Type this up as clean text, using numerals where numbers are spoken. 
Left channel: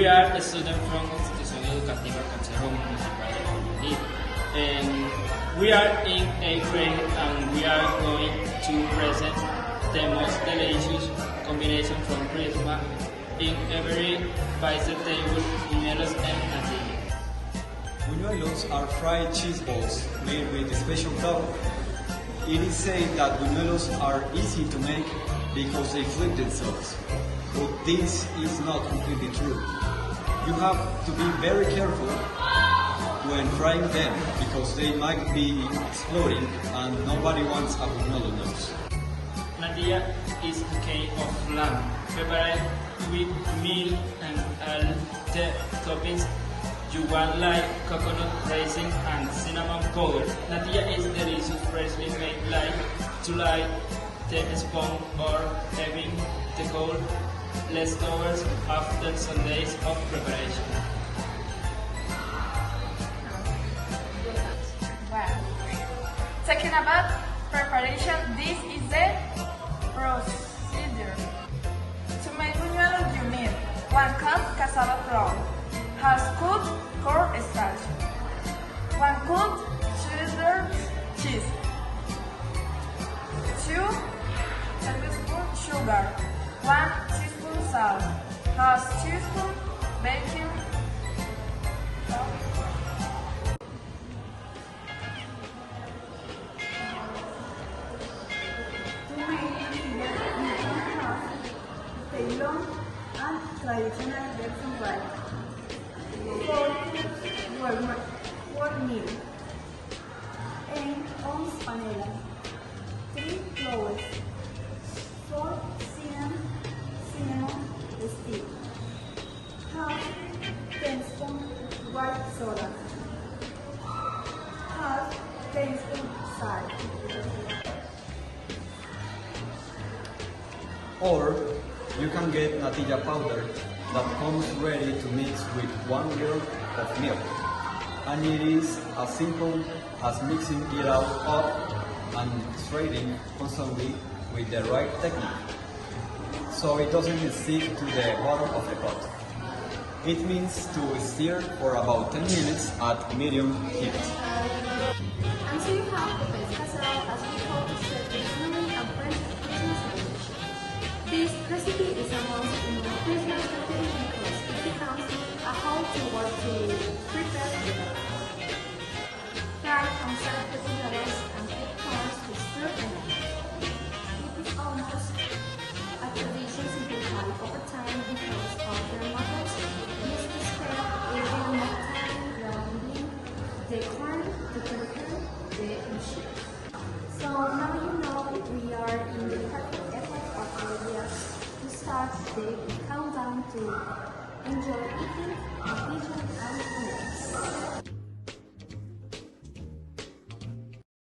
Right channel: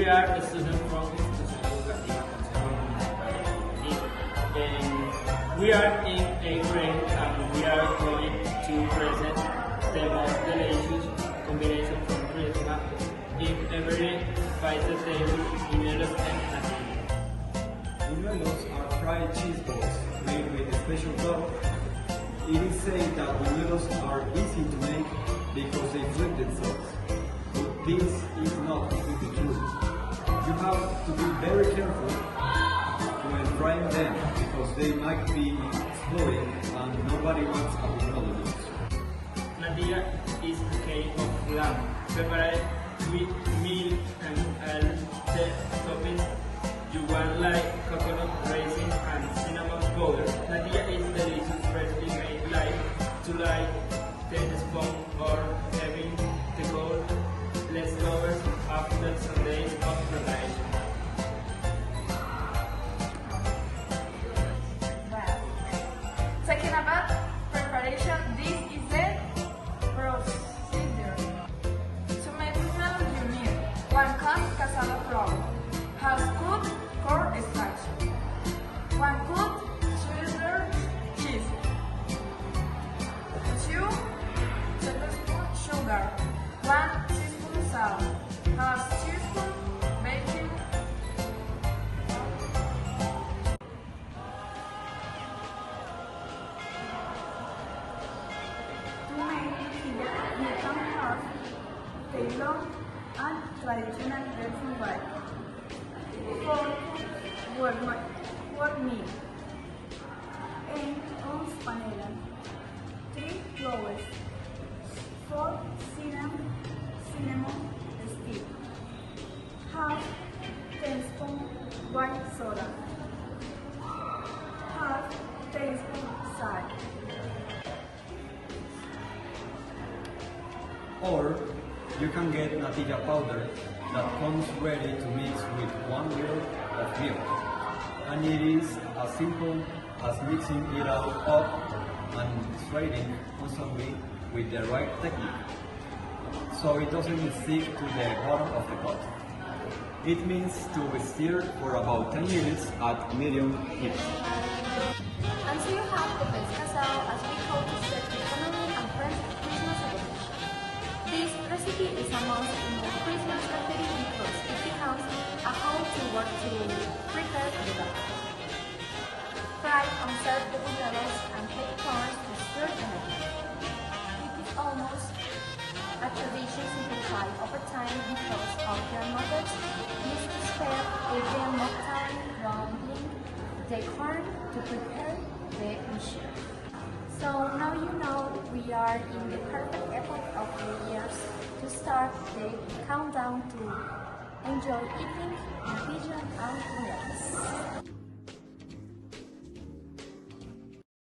We are a student from Institución Educativa Consejo Municipal de Guayaquil, and we are in 8th grade and we are going to present the most delicious combination from Christmas in every pizza table, buñuelos and natilla. Buñuelos are fried cheese balls made with special dough. It is said that buñuelos are easy to make because they flip themselves, but this is not completely true. You have to be very careful when frying them because they might be exploding and nobody wants a buñuelo nose. Natilla is a cake of lamb prepared with milk and all the toppings you want like coconut, raisins and cinnamon powder. Natilla is delicious freshly made like the spoon or having the cold leftovers after some days of preparation. Well, talking about preparation, this is the procedure. To make buñuelos you need 1 cup cassava flour, half cup cornstarch, 1 cup cheddar cheese, 2 tablespoons sugar, 1 teaspoon salt, half teaspoon baking powder. To make buñuelos, you can have the long and traditional version right. 4 meal, 8 ounce panela, 3 flowers, 4 cinnamon stick, half teaspoon white soda, half teaspoon salt. Or you can get natilla powder that comes ready to mix with 1 liter of milk. And it is as simple as mixing it out up and stirring constantly with the right technique, so it doesn't stick to the bottom of the pot. It means to stir for about 10 minutes at medium heat. Until you have the best cassava as we call it, Italian and French Christmas dish. This recipe is a must in the Christmas category because it becomes a whole to work to prepare the dough. Fry on side potatoes and put crumbs to stir them up. It is almost a tradition simplified over time because our grandmothers used to spend every more time grounding the corn to prepare the dish. So now you know we are in the perfect effort of the year to start the countdown to enjoy eating, vision and yes.